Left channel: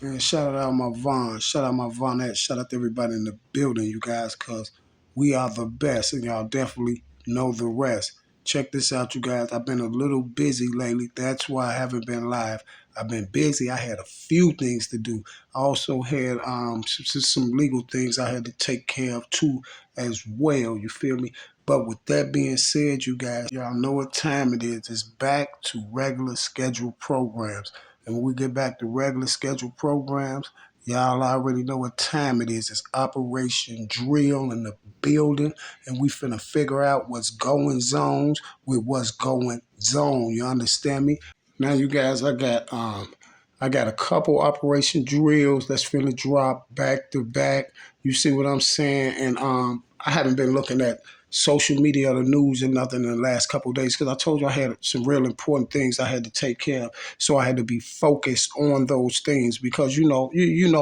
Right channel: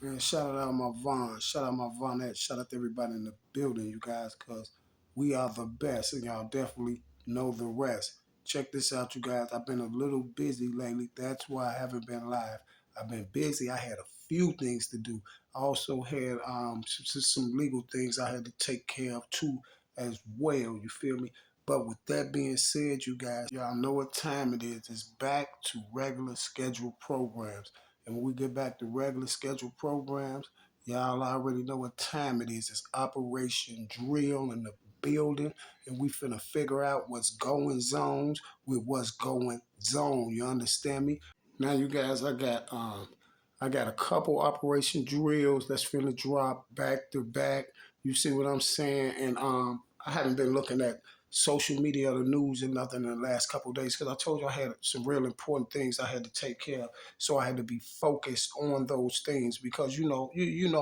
And shout out my Vaughn, shout out my Vaughnette, shout out to everybody in the building, you guys, because we are the best, and y'all definitely know the rest. Check this out, you guys. I've been a little busy lately. That's why I haven't been live. I've been busy. I had a few things to do. I also had some legal things I had to take care of too, as well. You feel me? But with that being said, you guys, y'all know what time it is. It's back to regular scheduled programs. And when we get back to regular scheduled programs, y'all already know what time it is. It's Operation Drill in the building, and we finna figure out what's going zones with what's going zone. You understand me? Now, you guys, I got a couple Operation Drills that's finna drop back to back. You see what I'm saying? And I haven't been looking at social media or the news and nothing in the last couple of days because I told you I had some real important things I had to take care of. So I had to be focused on those things because you know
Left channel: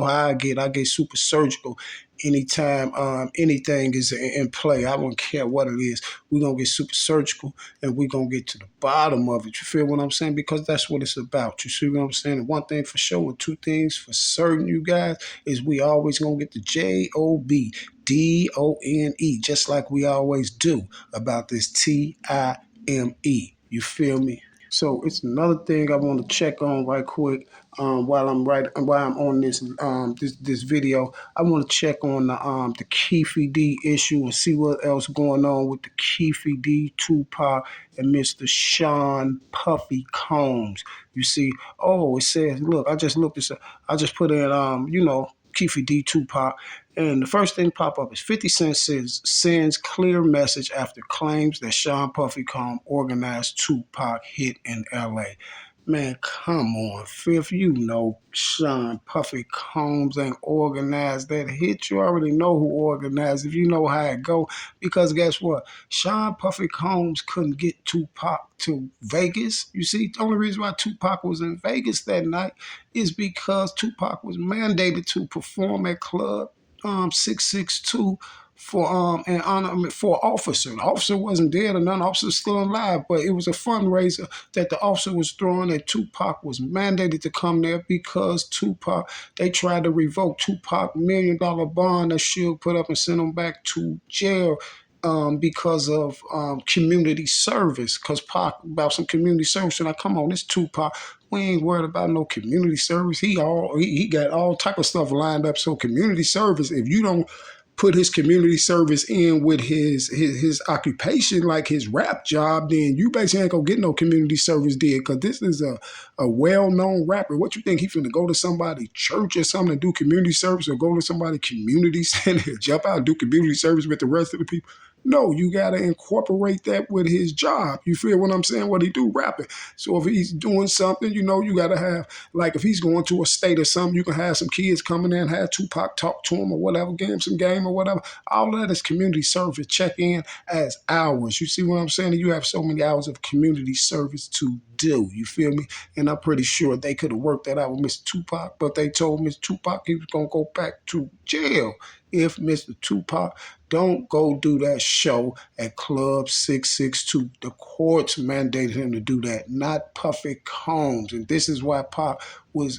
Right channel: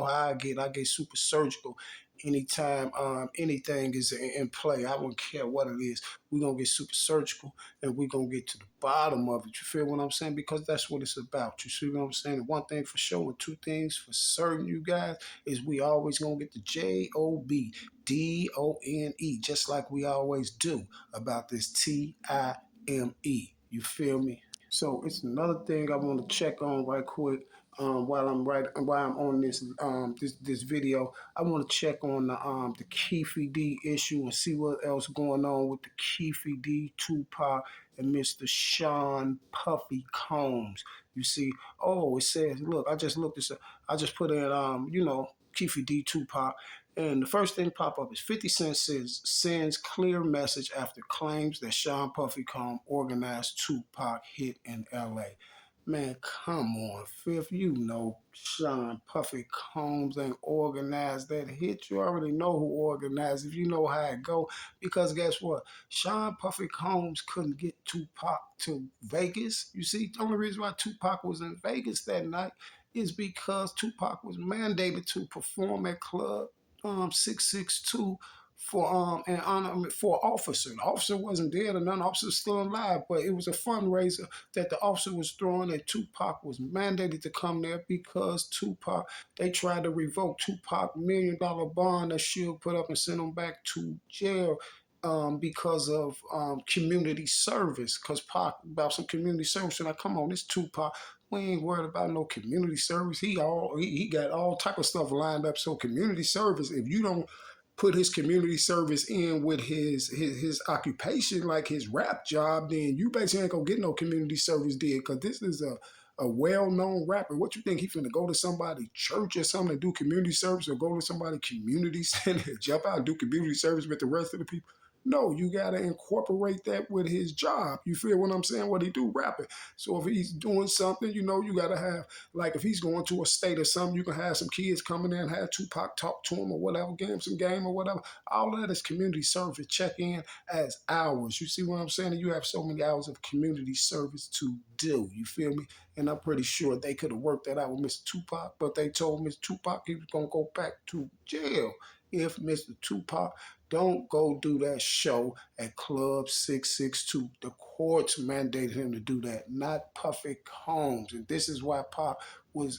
how I get. I get super surgical anytime anything is in play. I don't care what it is. We're gonna get super surgical and we're gonna get to the bottom of it. You feel what I'm saying? Because that's what it's about. You see what I'm saying? And one thing for sure, and two things for certain, you guys, is we always gonna get the JOBDONE, just like we always do about this TIME. You feel me? So it's another thing I want to check on right quick. While I'm on this video, I want to check on the Keefe D issue and see what else going on with the Keefe D, Tupac, and Mr. Sean Puffy Combs. You see, it says, look, I just looked this up. I just put in Keefe D, Tupac. And the first thing pop up is 50 Cent sends clear message after claims that Sean Puffy Combs organized Tupac hit in LA. Man, come on, Fifth. You know Sean Puffy Combs ain't organized that hit. You already know who organized. If you know how it go, because guess what? Sean Puffy Combs couldn't get Tupac to Vegas. You see, the only reason why Tupac was in Vegas that night is because Tupac was mandated to perform at Club 662 for an honor for an officer. The officer wasn't dead or none. The officer was still alive, but it was a fundraiser that the officer was throwing, and Tupac was mandated to come there because they tried to revoke Tupac $1 million bond that Suge put up and send him back to jail. Because of community service, because Pac about some community service, and I come on, this Tupac, we ain't worried about no community service. He got all type of stuff lined up. So community service, if you don't put his community service in with his occupation, like his rap job, then you basically ain't gonna get no community service did. Cause this is a well-known rapper. What you think he finna go to somebody church or something to do community service, or go to somebody community center, jump out and do community service with the rest of the people? No, you gotta incorporate that with his job. You feel what I'm saying? What he do, rapping. So if he's doing something, you gotta have, like if he's going to a state or something, you can have some kids coming in, have Tupac talk to him or whatever, give him some game or whatever. All of that is community service. Check in as hours. You see what I'm saying? You have so many hours of community service to do. You feel me? And I'm pretty sure they could have worked that out with Mr. Tupac, but they told Mr. Tupac he was gonna go back to jail if Mr. Tupac don't go do that show at Club 662. The courts mandated him to do that, not Puffy Combs. And this is why Pac was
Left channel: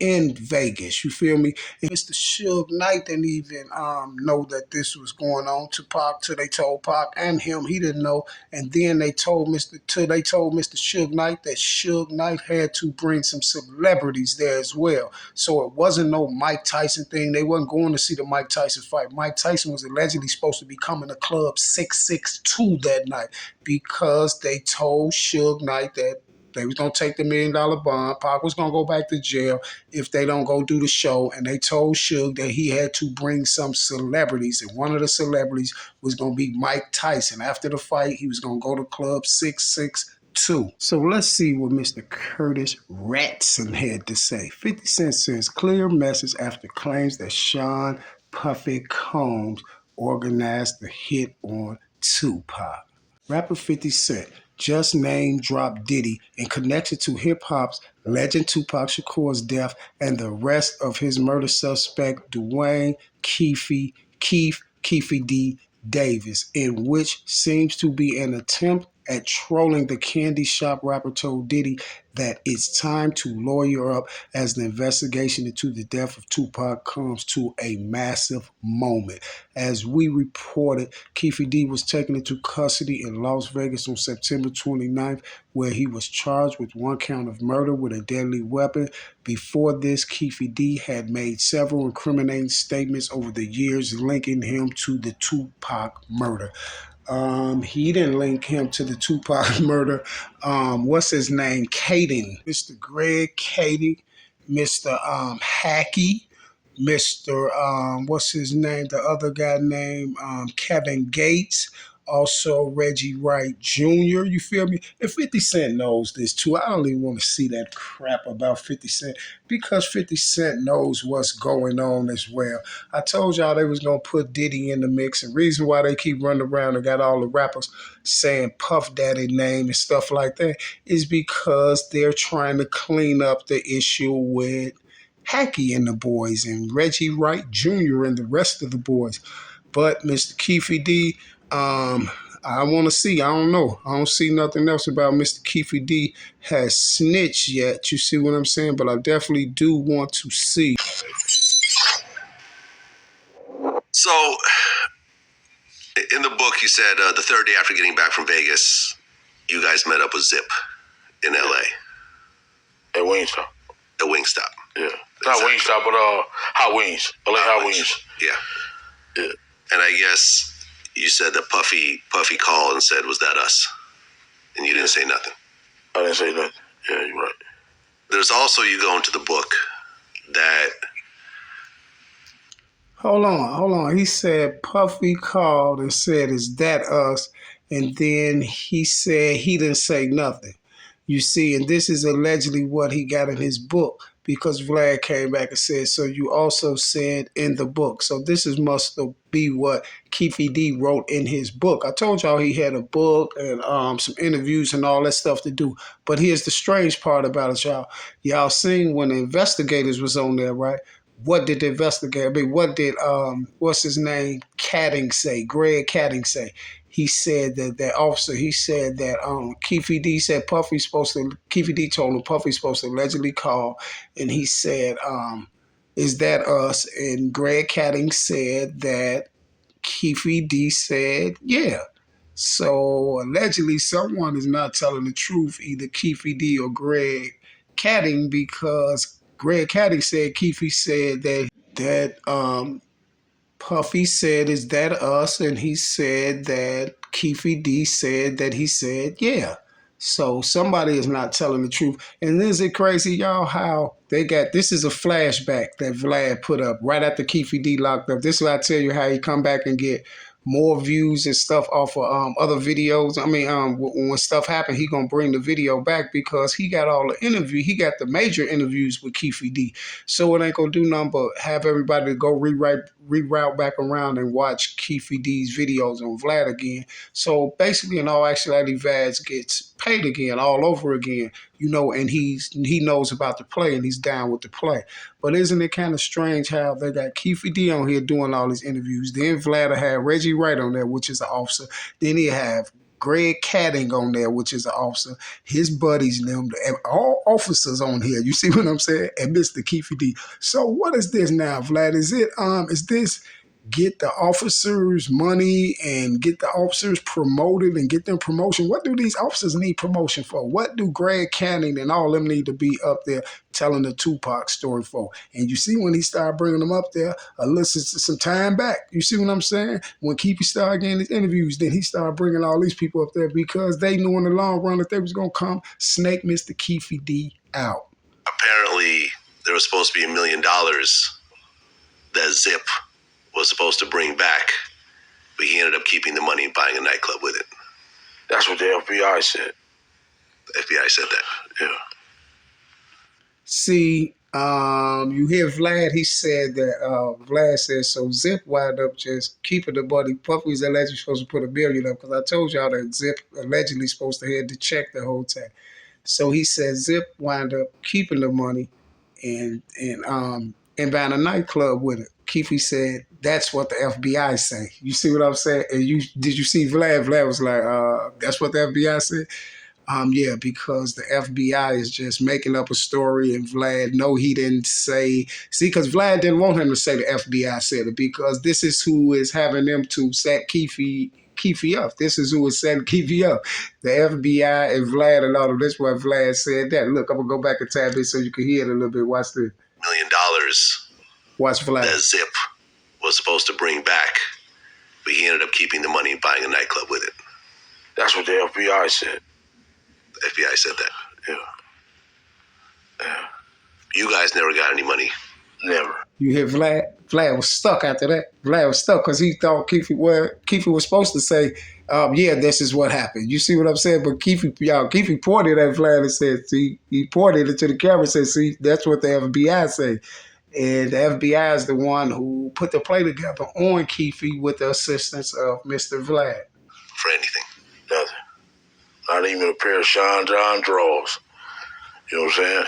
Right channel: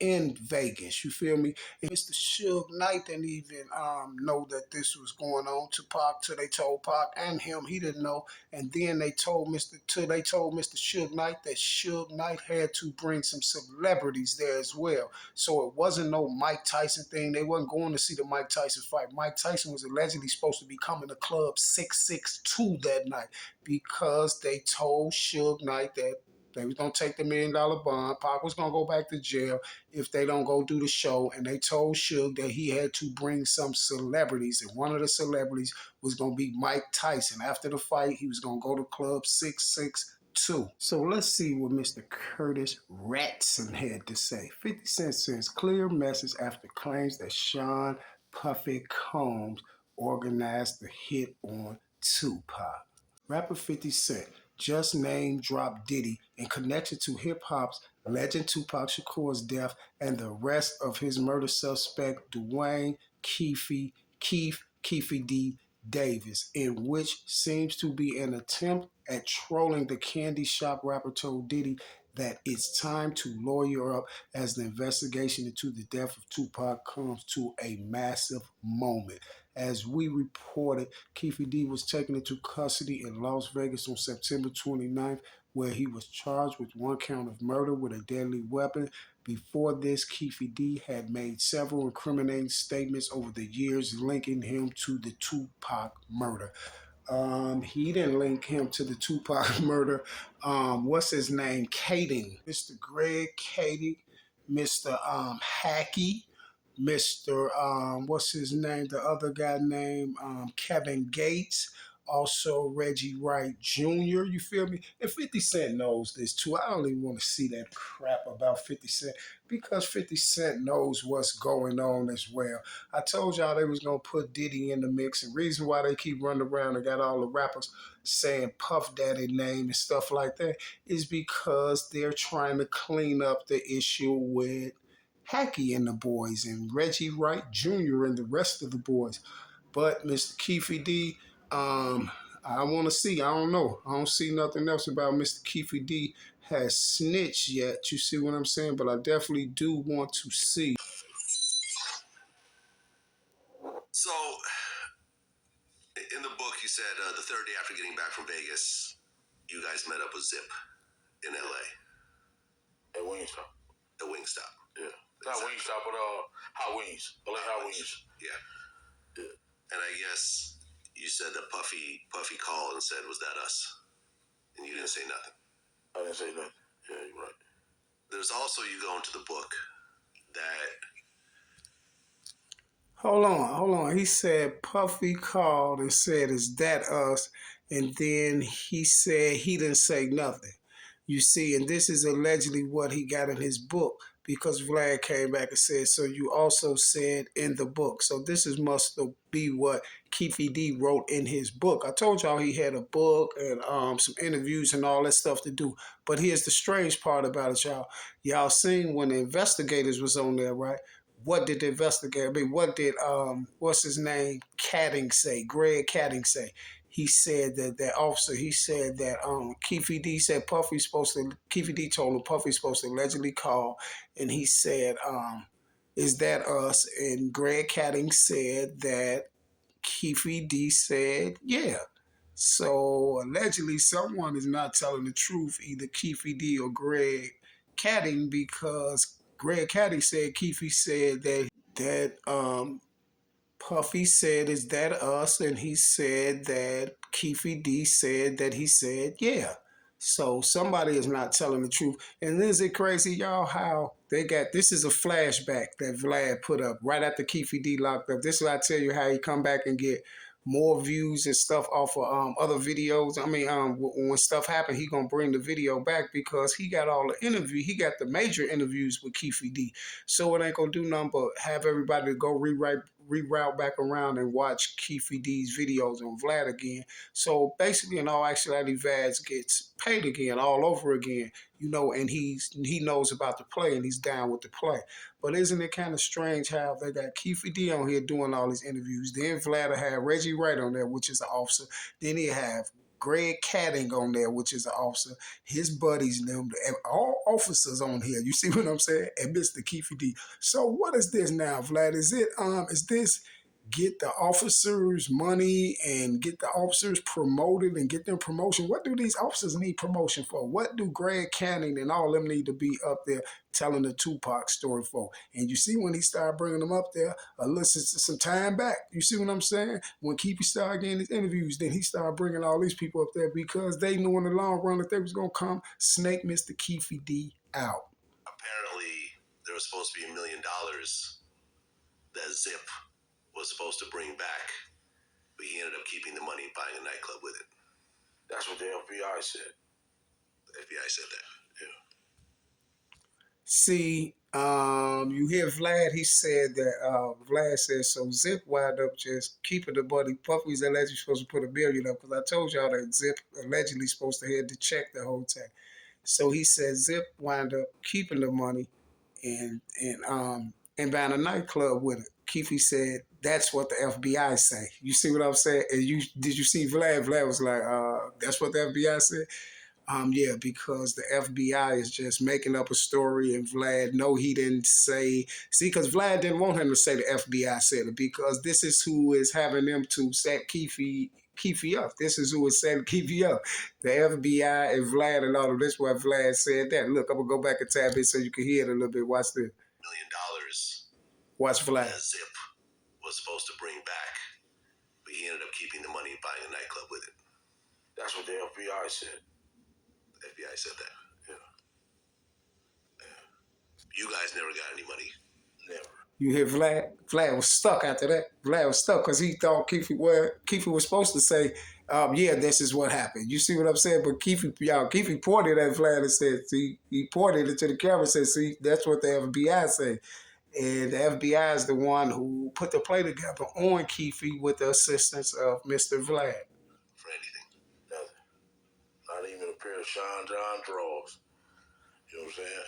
in Vegas. You feel me? And Mr. Suge Knight didn't even know that this was going on to Pac till they told Pac and him. He didn't know. And then they told Mr. Suge Knight that Suge Knight had to bring some celebrities there as well. So it wasn't no Mike Tyson thing. They wasn't going to see the Mike Tyson fight. Mike Tyson was allegedly supposed to be coming to Club 662 that night because they told Suge Knight that they was gonna take the $1 million bond. Pac was gonna go back to jail if they don't go do the show, and they told Suge that he had to bring some celebrities, and one of the celebrities was gonna be Mike Tyson. After the fight, he was gonna go to Club 662. So let's see what Mr. Curtis Ratson had to say. 50 Cent sends clear message after claims that Sean Puffy Combs organized the hit on Tupac. Rapper 50 Cent just name dropped Diddy in connection to hip hop's legend Tupac Shakur's death and the arrest of his murder suspect Dwayne Keefe D. Davis, in which seems to be an attempt at trolling the candy shop, rapper told Diddy that it's time to lawyer up as the investigation into the death of Tupac comes to a massive moment. As we reported, Keefe D was taken into custody in Las Vegas on September 29th, where he was charged with one count of murder with a deadly weapon. Before this, Keefe D had made several incriminating statements over the years linking him to the Tupac murder. He didn't link him to the Tupac murder. What's his name? Caden, Mr. Greg Cady, Mr. Hackey, Mr. What's his name? The other guy named Kevin Gates. Also Reggie Wright Jr. You feel me? And 50 Cent knows this too. I don't even want to see that crap about 50 Cent because 50 Cent knows what's going on as well. I told y'all they was gonna put Diddy in the mix, and reason why they keep running around and got all the rappers saying Puff Daddy name and stuff like that is because they're trying to clean up the issue with Hackey and the boys and Reggie Wright Jr. and the rest of the boys. But Mr. Keefe D, I want to see. I don't know. I don't see nothing else about Mr. Keefe D has snitched yet. You see what I'm saying? But I definitely do want to see. So, in the book, you said the third day after getting back from Vegas, you guys met up with Zip in L.A. At Wingstop. At Wingstop. Yeah. Not Wingstop, but Hot Wings. LA Hot Wings. Yeah. And I guess you said that Puffy called and said, "Was that us?" And you didn't say nothing. I didn't say nothing. Yeah, you're right. There's also, you go into the book that... Hold on. He said Puffy called and said, "Is that us?" And then he said he didn't say nothing. You see, and this is allegedly what he got in his book because Vlad came back and said, "So you also said in the book." So this is must be what Keefe D wrote in his book. I told y'all he had a book and some interviews and all that stuff to do. But here's the strange part about it, y'all. Y'all seen when the investigators was on there, right? What did the investigator, what did, what's his name, Catting say, Greg Catting say? He said that officer, he said that Keefe D said Keefe D told him Puffy's supposed to allegedly call, and he said, "Is that us?" And Greg Catting said that Keefe D said, "Yeah." So allegedly someone is not telling the truth, either Keefe D or Greg Catting, because Greg Caddy said Keefe said that Puffy said, "Is that us?" And he said that Keefe D said that he said, "Yeah." So somebody is not telling the truth. And is it crazy, y'all, how they got, this is a flashback that Vlad put up right after Keefe D locked up. This is why I tell you how he come back and get more views and stuff off of other videos. I mean, when stuff happened, he gonna bring the video back because he got all the interview. He got the major interviews with Keefe D. So it ain't gonna do nothing but have everybody go reroute back around and watch Keefe D's videos on Vlad again. So basically, in all actuality, Vaz gets paid again, all over again. You know, and he knows about the play and he's down with the play. But isn't it kind of strange how they got Keefe D on here doing all these interviews? Then Vlad had Reggie Wright on there, which is an officer. Then he have Greg Catting on there, which is an officer. His buddies, them, all officers on here. You see what I'm saying? And Mr. Keefe D. So what is this now, Vlad? Is this get the officers money and get the officers promoted and get them promotion? What do these officers need promotion for? What do Greg Canning and all them need to be up there telling the Tupac story for? And you see when he started bringing them up there, some time back, you see what I'm saying? When Keefe started getting his interviews, then he started bringing all these people up there because they knew in the long run that they was going to come snake Mr. Keefe D out. Apparently, there was supposed to be $1 million that Zip was supposed to bring back, but he ended up keeping the money and buying a nightclub with it. That's what the FBI said. The FBI said that. Yeah. See, you hear Vlad, he said that, Vlad said, so Zip wound up just keeping the money. Puffy's allegedly supposed to put $1 million up, because I told y'all that Zip allegedly supposed to head the check the whole time. So he said Zip wound up keeping the money and buying a nightclub with it. Keefe said, "That's what the FBI say." You see what I'm saying? And did you see Vlad? Vlad was like, "That's what the FBI said." Yeah, because the FBI is just making up a story, and Vlad, no, he didn't say. See, because Vlad didn't want him to say the FBI said it, because this is who is having them to set Keefe up. This is who is setting Keefe up. The FBI and Vlad and all of this. Why Vlad said that. Look, I'm gonna go back a tad bit so you can hear it a little bit. Watch this. $1 million Watch Vlad. that Zip was supposed to bring back, but he ended up keeping the money and buying a nightclub with it. That's what the FBI said. The FBI said that. Yeah. You guys never got any money. Never. You hear Vlad? Vlad was stuck after that. Vlad was stuck because he thought Keefe was supposed to say, yeah, this is what happened. You see what I'm saying? But Keefe pointed at Vlad and said, see, he pointed into the camera and said, see, that's what the FBI say. And the FBI is the one who put the play together on Keefe with the assistance of Mr. Vlad. For anything. Nothing. Not even a pair of Sean John drawers. You know what I'm saying?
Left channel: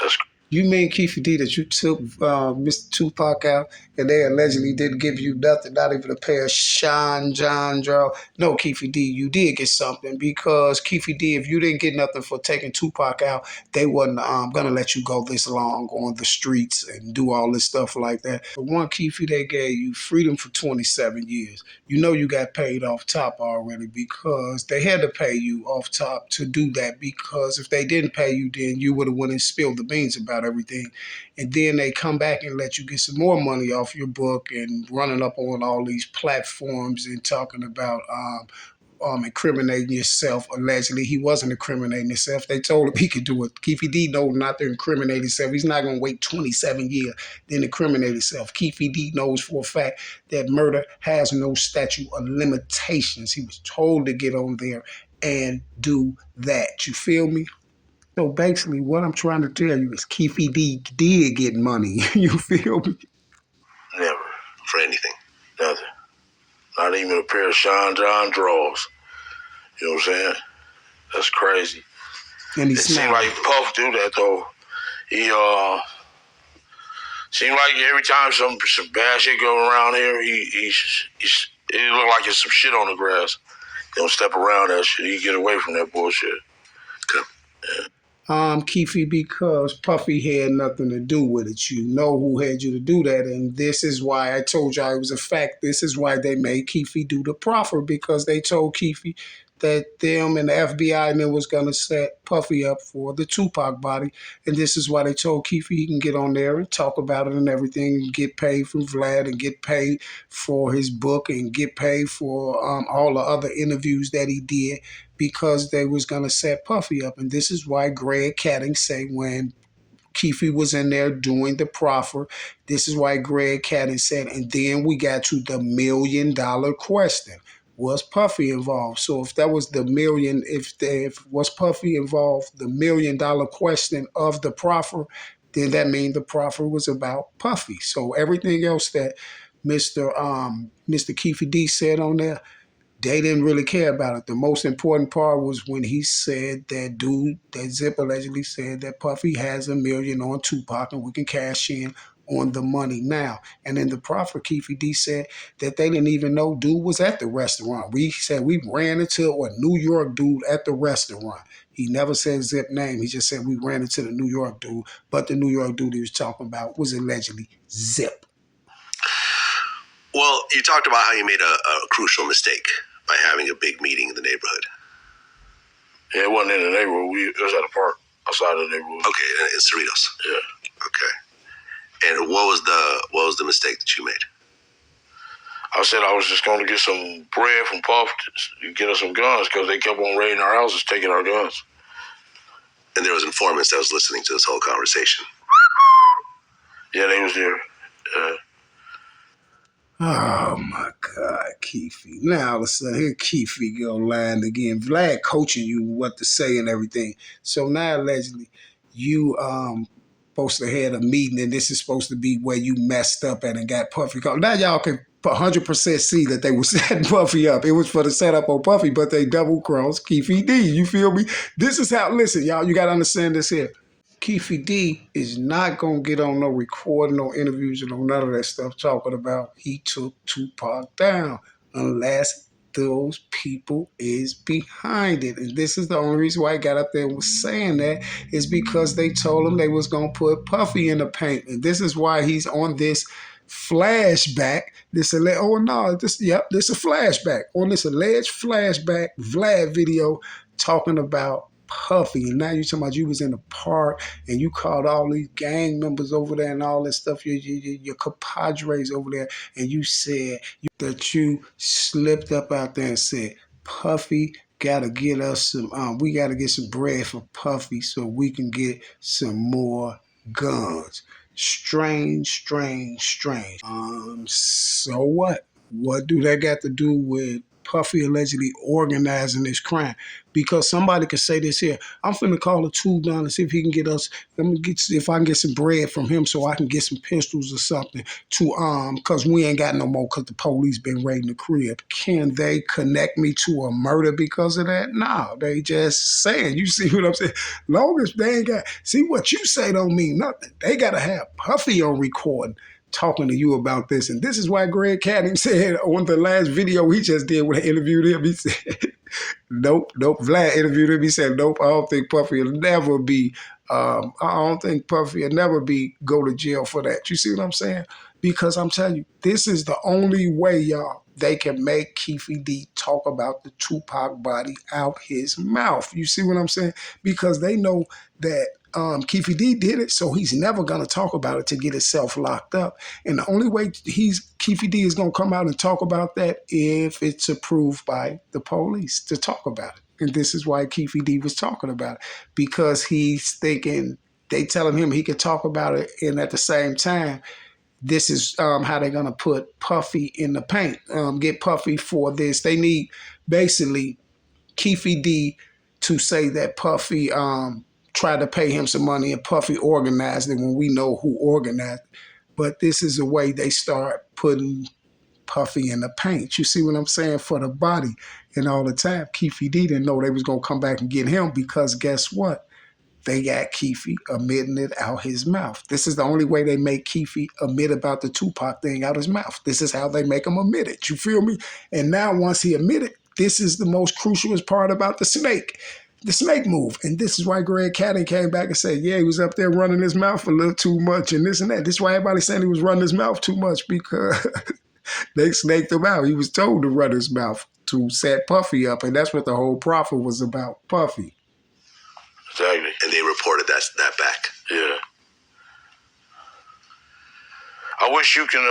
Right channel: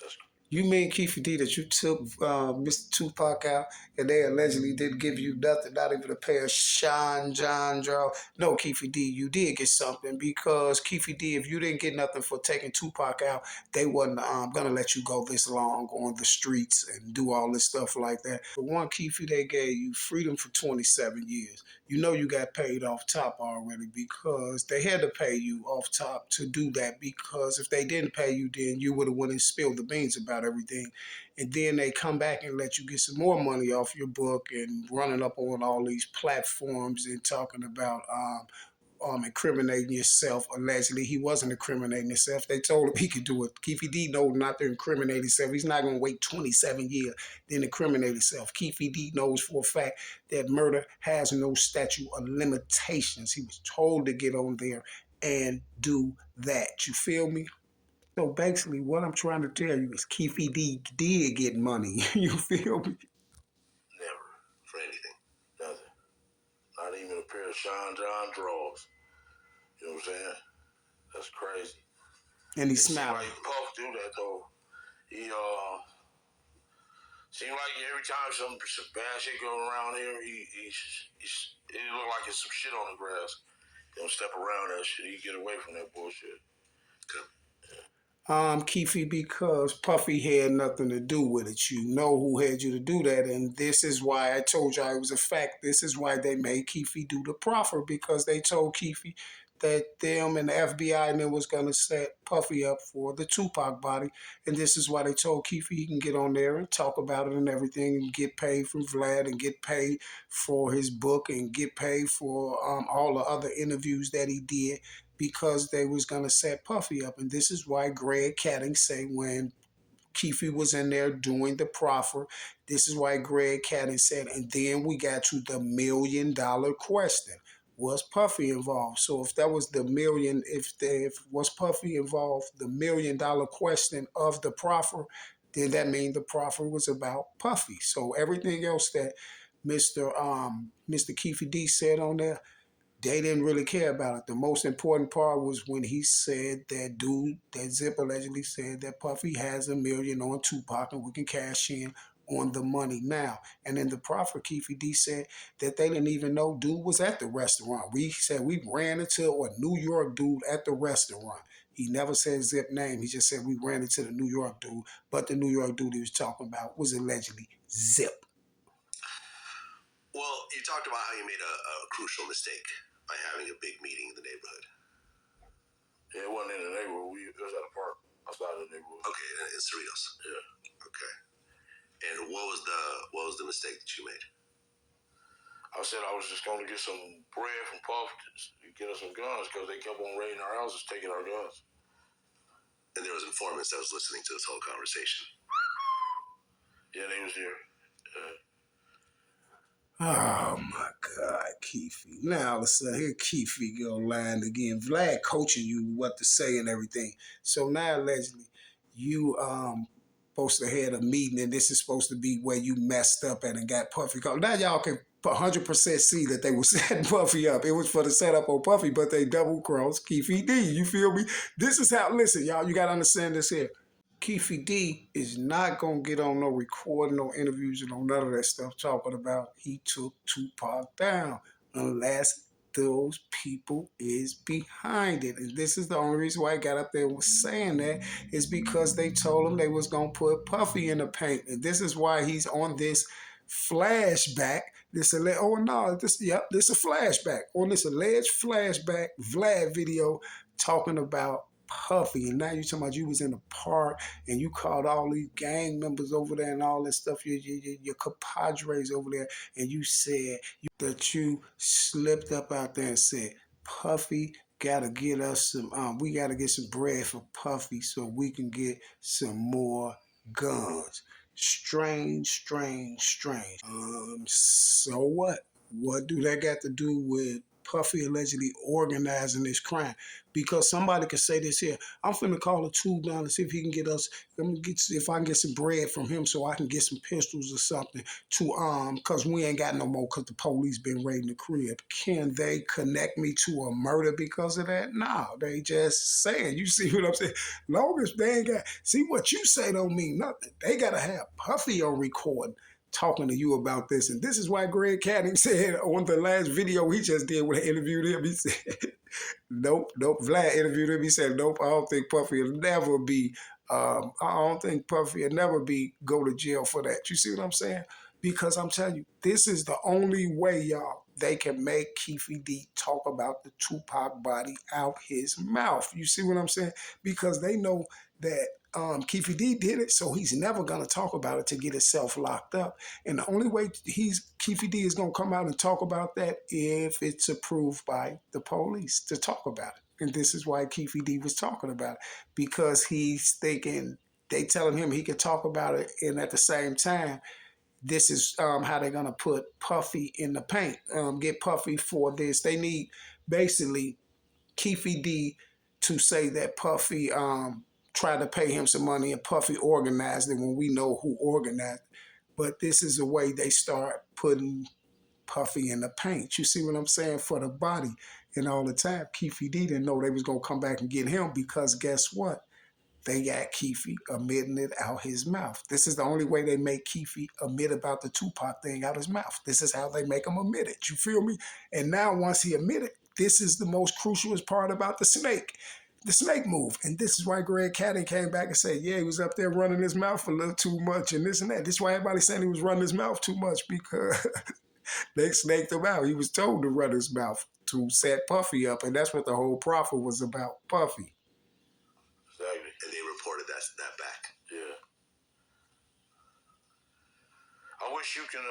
That's You mean, Keefe D, that you took Mr. Tupac out and they allegedly didn't give you nothing, not even a pair of Sean John draw? No, Keefe D, you did get something, because Keefe D, if you didn't get nothing for taking Tupac out, they wasn't going to let you go this long on the streets and do all this stuff like that. For one, Keefe, they gave you freedom for 27 years. You know you got paid off top already, because they had to pay you off top to do that, because if they didn't pay you, then you would have went and spilled the beans about everything. And then they come back and let you get some more money off your book and running up on all these platforms and talking about incriminating yourself. Allegedly, he wasn't incriminating himself. They told him he could do it. Keefe D knows not to incriminate himself. He's not going to wait 27 years then incriminate himself. Keefe D knows for a fact that murder has no statute of limitations. He was told to get on there and do that. You feel me? So basically, what I'm trying to tell you is Keefe D did get money. You feel me? never. For anything. Nothing. Not even a pair of Sean John drawers. You know what I'm saying? That's crazy. And he It seemed smiled. like Puff do that though. He seemed like every time some bad shit go around here, he it look like there's some shit on the grass. He don't step around that shit. He get away from that bullshit. Keefe, because Puffy had nothing to do with it. You know who had you to do that, and this is why I told you it was a fact. This is why they made Keefe do the proffer, because they told Keefe that them and the FBI and them was gonna set Puffy up for the Tupac body, and this is why they told Keefe he can get on there and talk about it and everything, and get paid from Vlad, and get paid for his book, and get paid for all the other interviews that he did, because they was going to set Puffy up. And this is why Greg Caddy say when Keefe was in there doing the proffer, this is why Greg Caddy said, and then we got to the $1 million question. Was Puffy involved? So if that was the million, if was Puffy involved, the $1 million question of the proffer, then that means the proffer was about Puffy. So everything else that Mr. Keefe D said on there, they didn't really care about it. The most important part was when he said that Zip allegedly said that Puffy has $1 million on Tupac and we can cash in on the money now. And in the proffer, Keefe D said that they didn't even know dude was at the restaurant. We said we ran into a New York dude at the restaurant. He never said Zip name. He just said we ran into the New York dude. But the New York dude he was talking about was allegedly Zip. Well, you talked about how you made a crucial mistake by having a big meeting in the neighborhood. Yeah, it wasn't in the neighborhood. It was at a park outside of the neighborhood. Okay, in Cerritos. Yeah. Okay. And what was the mistake that you made? I said I was just going to get some bread from Puff to get us some guns because they kept on raiding our houses, taking our guns. And there was informants that was listening to this whole conversation. Yeah, they was there. Oh my God, Keefe. Now all of a sudden, here Keefe go lying again. Vlad coaching you what to say and everything. So now allegedly, you supposed to have a meeting, and this is supposed to be where you messed up at and got Puffy called. Now y'all can 100% see that they were setting Puffy up. It was for the setup on Puffy, but they double crossed Keefe D. You feel me? This is how. Listen, y'all, you gotta understand this here. Keefe D is not gonna get on no recording, no interviews, or no none of that stuff talking about he took Tupac down unless those people is behind it. And this is the only reason why I got up there and was saying that is because they told him they was gonna put Puffy in the paint. And this is why he's on this flashback. This oh no, this a flashback. On this alleged flashback Vlad video talking about Puffy. And now you talking about you was in the park and you called all these gang members over there and all that stuff, your compadres over there, and you said that you slipped up out there and said, Puffy gotta get us some, we gotta get some bread for Puffy so we can get some more guns. Strange, strange, strange. So what? What do that got to do with Puffy allegedly organizing this crime? Because somebody could say this here. I'm finna call a tube down and see if he can get us. Let me get if I can get some bread from him so I can get some pistols or something to because we ain't got no more because the police been raiding the crib. Can they connect me to a murder because of that? No, they just saying. You see what I'm saying? Long as they ain't got see what you say don't mean nothing. They gotta have Puffy on recording talking to you about this. And this is why Greg Caddy said on the last video he just did when I interviewed him, he said, nope. Vlad interviewed him. He said, nope, I don't think Puffy will never be, I don't think Puffy will never be go to jail for that. You see what I'm saying? Because I'm telling you, this is the only way, y'all, they can make Keefe D talk about the Tupac body out his mouth. You see what I'm saying? Because they know that Keefe D did it, so he's never gonna talk about it to get himself locked up. And the only way Keefe D is gonna come out and talk about that if it's approved by the police to talk about it. And this is why Keefe D was talking about it, because he's thinking they telling him he could talk about it, and at the same time, this is how they're gonna put Puffy in the paint, get Puffy for this. They need basically Keefe D to say that Puffy tried to pay him some money and Puffy organized it when we know who organized it. But this is the way they start putting Puffy in the paint. You see what I'm saying? For the body. And all the time, Keefe D didn't know they was going to come back and get him because guess what? They got Keefe admitting it out his mouth. This is the only way they make Keefe admit about the Tupac thing out his mouth. This is how they make him admit it. You feel me? And now once he admitted, this is the most crucialest part about the snake move. And this is why Greg Caddy came back and said, yeah, he was up there running his mouth a little too much and this and that. This is why everybody's saying he was running his mouth too much because they snaked him out. He was told to run his mouth to set Puffy up. And that's what the whole profit was about, Puffy. Exactly. And they reported that back. Yeah. I wish you can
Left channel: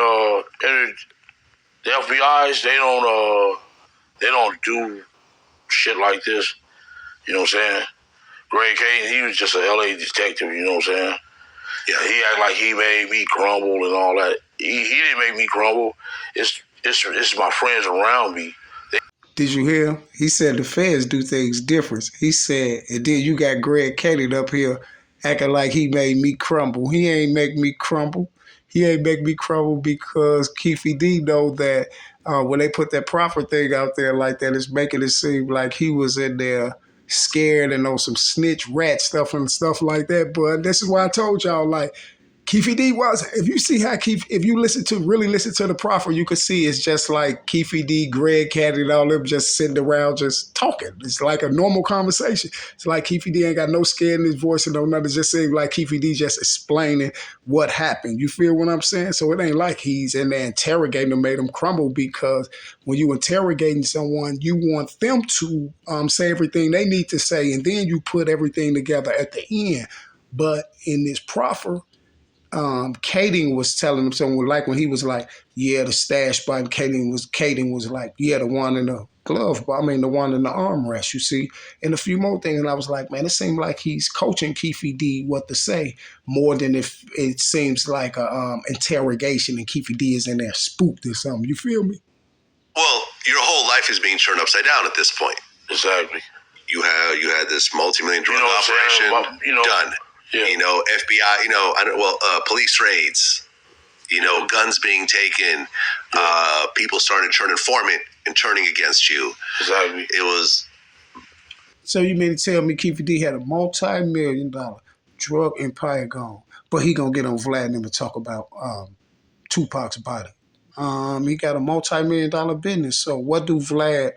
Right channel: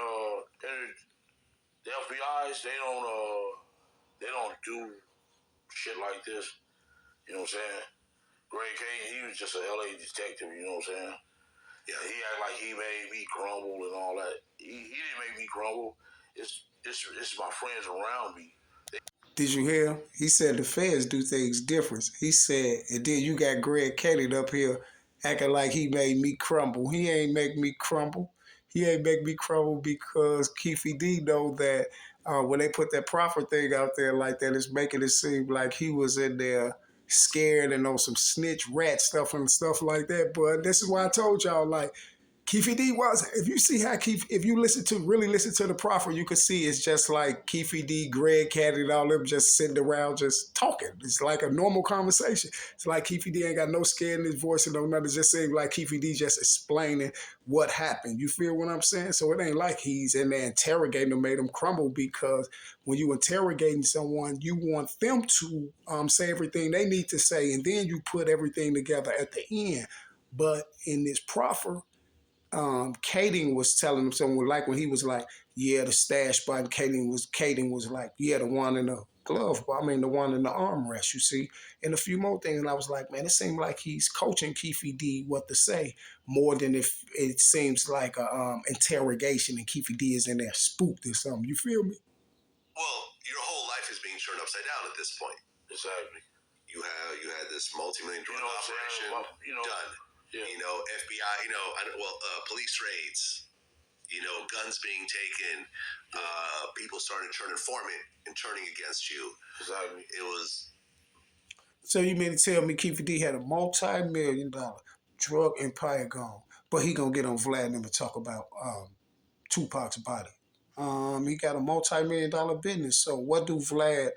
the FBI's they don't do shit like this. You know what I'm saying? Greg Caden, he was just a LA detective, you know what I'm saying? Yeah. He act like he made me crumble and all that. He didn't make me crumble. It's my friends around me. Did you hear him? He said the feds do things different. He said, and then you got Greg Caddy up here acting like he made me crumble. He ain't make me crumble. He ain't make me crumble because Keefe D know that when they put that profit thing out there like that, it's making it seem like he was in there scared and on some snitch rat stuff and stuff like that. But this is why I told y'all, like, Keefe D was, if you see how if you really listen to the proffer, you could see it's just like Keefe D, Greg Caddy, and all them just sitting around just talking. It's like a normal conversation. It's like Keefe D ain't got no scare in his voice and no nothing. It just seems like Keefe D just explaining what happened. You feel what I'm saying? So it ain't like he's in there interrogating them, made them crumble, because when you interrogating someone, you want them to say everything they need to say, and then you put everything together at the end. But in this proffer, Kading was telling him something like when he was like, yeah, the stash spot, and Kading was like, yeah, the one in the glove, the one in the armrest, you see, and a few more things. And I was like, man, it seemed like he's coaching Keefe D what to say more than if it seems like a interrogation and Keefe D is in there spooked or something. You feel me? Well, your whole life is being turned upside down at this point. Exactly. You had this multi-million drug operation done. Yeah. FBI, police raids, guns being taken, people started turning against you. Exactly. It was. So you mean to tell me Keefe D had a multi-million-dollar drug empire gone. But he gonna get on Vlad and to talk about Tupac's body. He got a multi-million-dollar business. So what can Vlad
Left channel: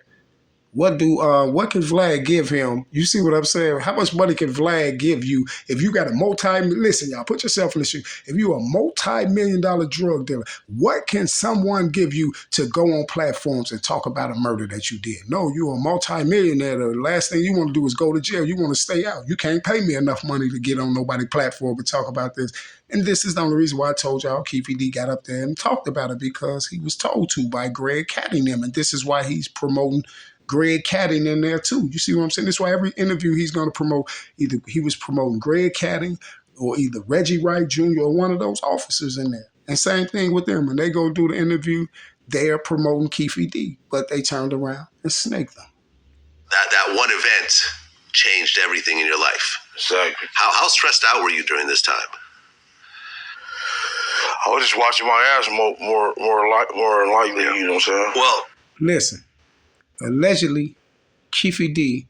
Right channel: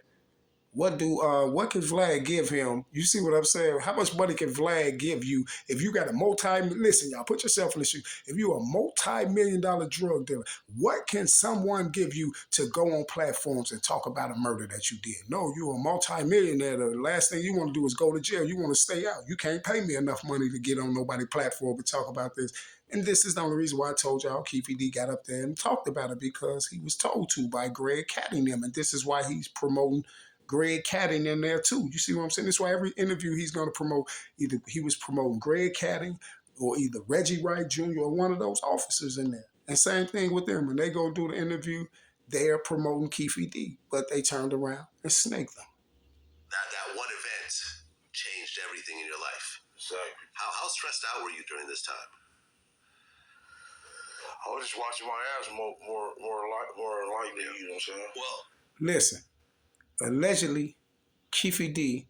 give him? You see what I'm saying? How much money can Vlad give you if you got a listen, y'all, put yourself in the shoe. If you're a multi-million-dollar drug dealer, what can someone give you to go on platforms and talk about a murder that you did? No, you're a multi-millionaire. The last thing you want to do is go to jail. You want to stay out. You can't pay me enough money to get on nobody's platform and talk about this. And this is the only reason why I told y'all Keefe D got up there and talked about it, because he was told to by Greg Cattingham. And this is why he's promoting Greg Caddy in there too. You see what I'm saying? That's why every interview he's going to promote, either he was promoting Greg Caddy or either Reggie Wright Jr. or one of those officers in there. And same thing with them. When they go do the interview, they're promoting Keefe D, but they turned around and snaked them. That one event changed everything in your life. Exactly. How stressed out were you during this time? I was just watching my ass more likely, you know what I'm saying? Well, listen, allegedly, Keefe D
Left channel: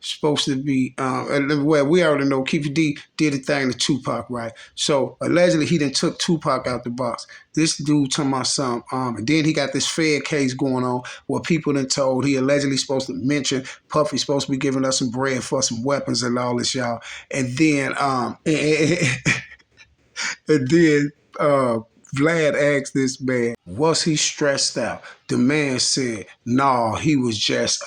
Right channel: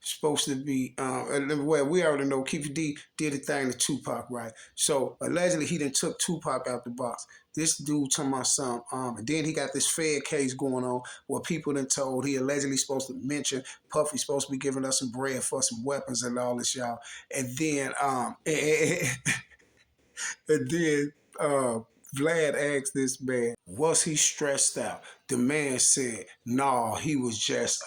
supposed to be, well, we already know Keefe D did a thing to Tupac, right? So allegedly he then took Tupac out the box. This dude talking about something, and then he got this Fed case going on where people then told he allegedly supposed to mention Puffy supposed to be giving us some bread for some weapons and all this, y'all. And then, and then Vlad asked this man, was he stressed out? The man said, no, he was just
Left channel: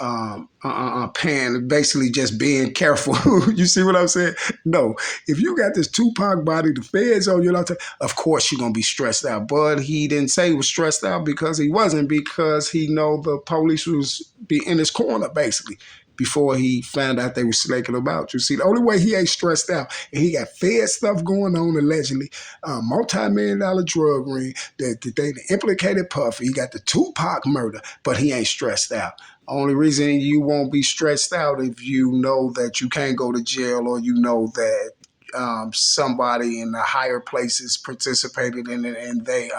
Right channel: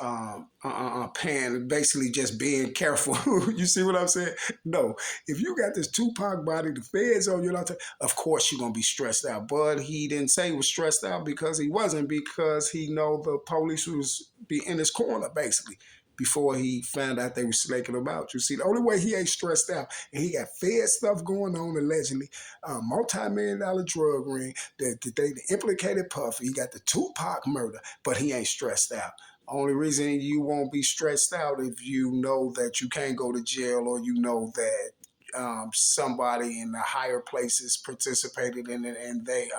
paying, basically just being careful. You see what I'm saying? No, if you got this Tupac body, the feds on you, of course you're going to be stressed out. But he didn't say he was stressed out because he wasn't, because he know the police was be in his corner, basically, before he found out they were slaking him out. You see, the only way he ain't stressed out, and he got Fed stuff going on, allegedly, multi-million-dollar drug ring, that they implicated Puffy. He got the Tupac murder, but he ain't stressed out. Only reason you won't be stressed out if you know that you can't go to jail, or you know that somebody in the higher places participated in it, and they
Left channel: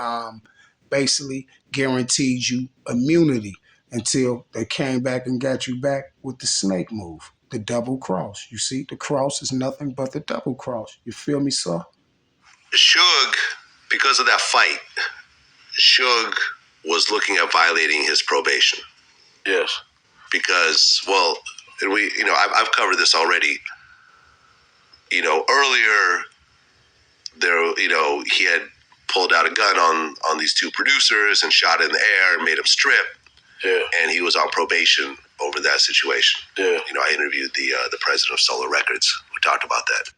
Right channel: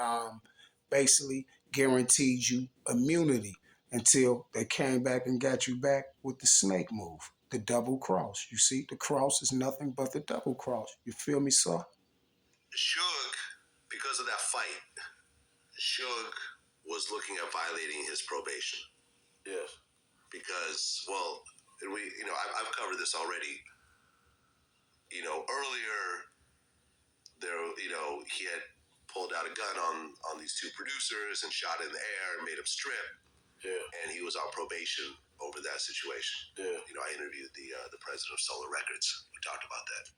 basically guaranteed you immunity until they came back and got you back with the snake move, the double cross. You see, the cross is nothing but the double cross. You feel me, sir? Suge, because of that fight, Suge was looking at violating his probation. Yes. Because, well, I've covered this already. Earlier, he had pulled out a gun on these two producers and shot in the air and made them strip. Yeah. And he was on probation over that situation. Yeah. I interviewed the president of Solar Records. We talked about that.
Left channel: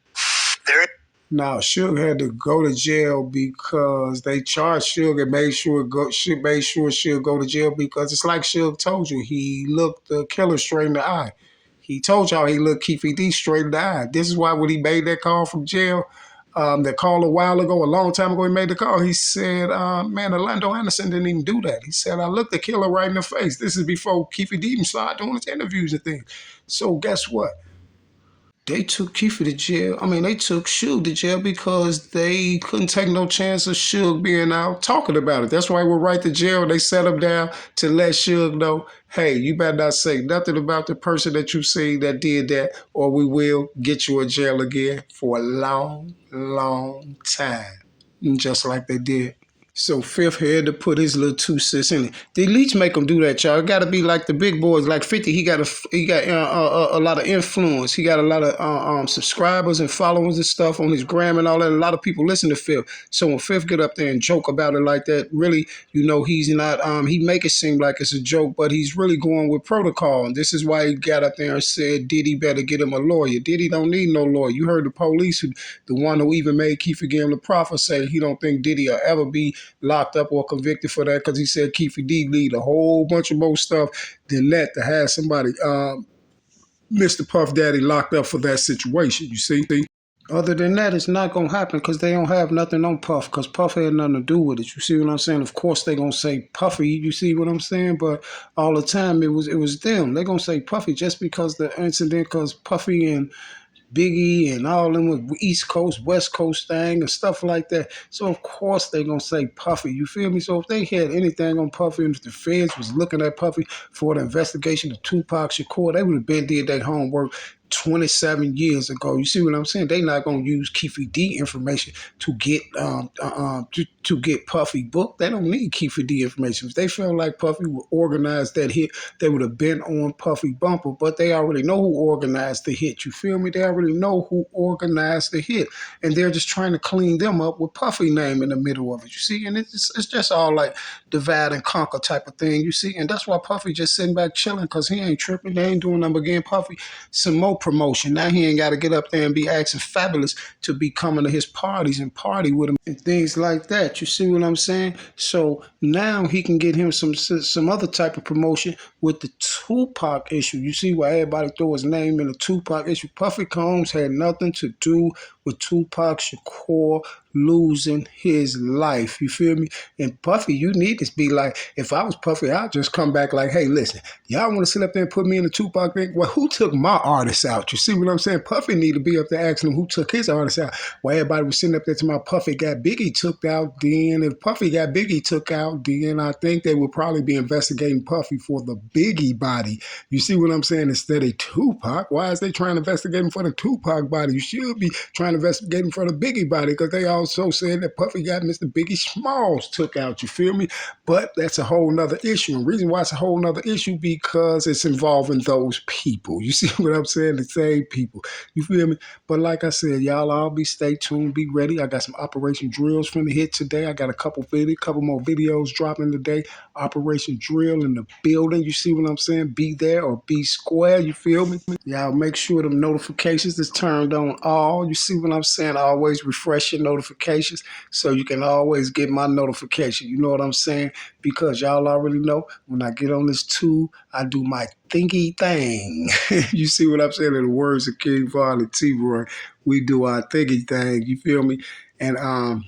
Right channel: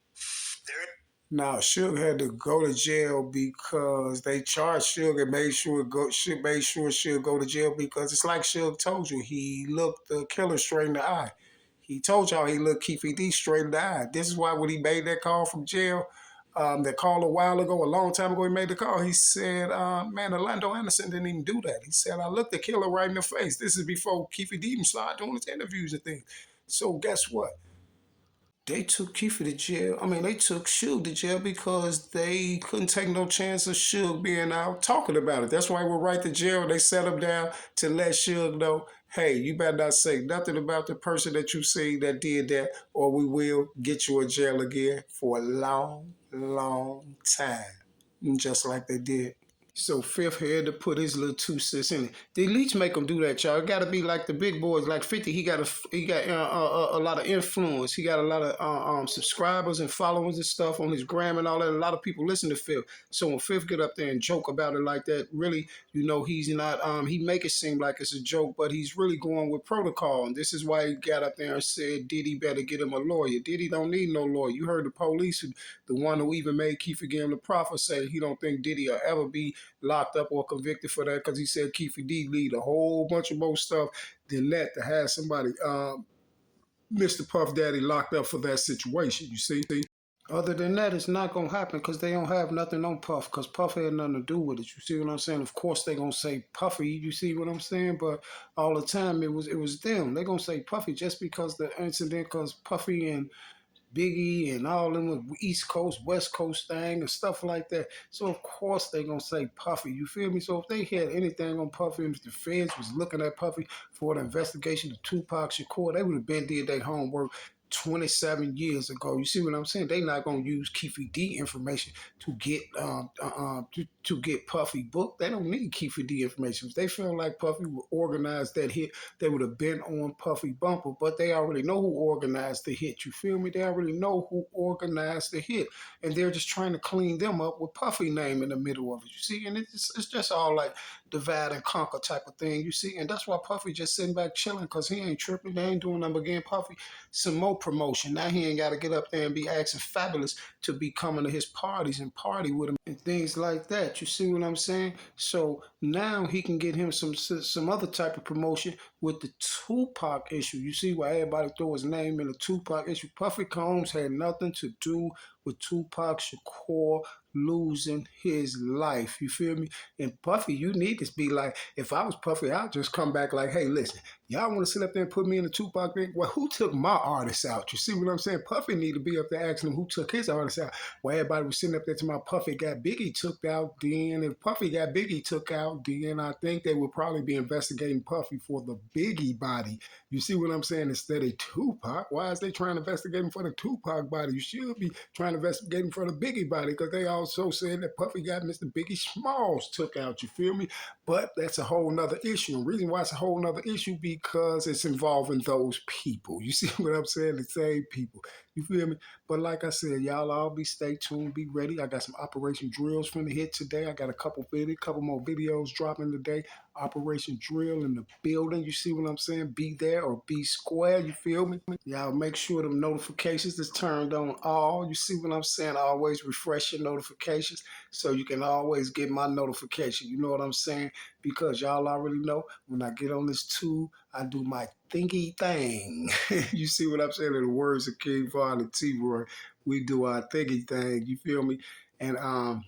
Now, Suge had to go to jail because they charged Suge and made sure Suge go to jail, because it's like Suge told you, he looked the killer straight in the eye. He told y'all he looked Keefe D straight in the eye. This is why when he made that call from jail, that call a long time ago, he made the call. He said, man, Orlando Anderson didn't even do that. He said, I looked the killer right in the face. This is before Keefe D even started doing his interviews and things. So guess what? They took Keefe to jail. They took Suge to jail because they couldn't take no chance of Suge being out talking about it. That's why we're right to jail. They set him down to let Suge know, hey, you better not say nothing about the person that you see that did that, or we will get you in jail again for a long, long time. Just like they did. So Fifth had to put his little 2 cents in it. The elites make him do that, y'all. It got to be like the big boys, like 50. He got a lot of influence. He got a lot of subscribers and followers and stuff on his gram and all that. A lot of people listen to Fifth. So when Fifth get up there and joke about it like that, really, he's not. He make it seem like it's a joke, but he's really going with protocol. And this is why he got up there and said Diddy better get him a lawyer. Diddy don't need no lawyer. You heard the police, the one who even made Keefe give him the profit, say he don't think Diddy will ever be locked up or convicted for that, because he said Keefe D need a whole bunch of more stuff than that to have somebody, Mr. Puff Daddy, locked up for that situation, you see? Other than that, it's not going to happen because they don't have nothing on Puff, because Puff had nothing to do with it. You see what I'm saying? Of course they going to say Puffy, you see what I'm saying? But all the time it was them. They going to say Puffy just because the incident, because Puffy and Biggie and all them with East Coast, West Coast thing and stuff like that. So of course they gonna say Puffy. You feel me? So if they had anything on Puffy, and if the feds was looking at Puffy for the investigation of Tupac Shakur, they would have been did their homework 27 years ago. You see what I'm saying? They not gonna use Keefe D information to get to get Puffy booked. They don't need Keefe D information. If they feel like Puffy would organize that hit, they would have been on Puffy bumper. But they already know who organized the hit. You feel me? They already know who organized the hit, and they're just trying to clean them up with Puffy name in the middle of it. You see, and it's just all like divide and conquer type of thing. You see, and that's why Puffy just sitting back chilling because he ain't tripping. They ain't doing nothing but getting Puffy some more promotion. Now he ain't got to get up there and be asking Fabulous to be coming to his parties and party with him and things like that. You see what I'm saying? So now he can get him some other type of promotion with the Tupac issue. You see why everybody throw his name in the Tupac issue. Puffy Combs had nothing to do with Tupac Shakur losing his life. You feel me? And Puffy, you need to be like, if I was Puffy, I'd just come back like, hey, listen, y'all want to sit up there and put me in the Tupac thing? Well, who took my artist out? You see what I'm saying? Puffy need to be up there asking him who took his artist out. While everybody was sitting up there to my Puffy got Biggie took out, then if Puffy got Biggie took out, then I think they would probably be investigating Puffy for the Biggie body. You see what I'm saying? Instead of Tupac, why is they trying to investigate him for the Tupac body? You should be trying to investigate him for the Biggie body because they also said that Puffy got Mr. Biggie Smalls took out. You feel me? But that's a whole nother issue. And the reason why it's a whole nother issue because it's involving those people. You see what I'm saying? The same people. You feel me? But like I said, y'all all be stay tuned, be ready. I got some Operation Drills from the hit today. I got a couple more videos dropping today. Operation Drill in the building. You see what I'm saying? Be there or be square. You feel me? Y'all make sure them notifications is turned on all. You see what I'm saying? Always refresh your notifications so you can always get my notification. You know what I'm saying? Because y'all already know when I get on this tube, I do my thingy thing. You see what I'm saying? In the words of King Von and T-Roy, we do our thingy thing. You feel me? And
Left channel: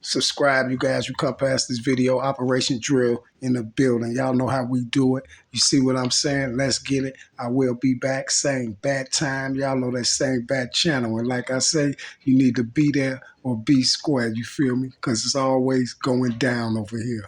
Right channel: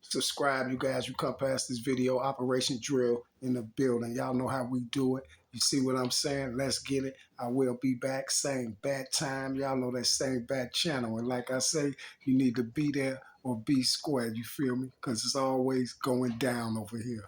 subscribe, you guys who come past this video. Operation Drill in the building. Y'all know how we do it. You see what I'm saying? Let's get it. I will be back. Same bad time. Y'all know that same bad channel. And like I say, you need to be there or be square. You feel me? Because it's always going down over here.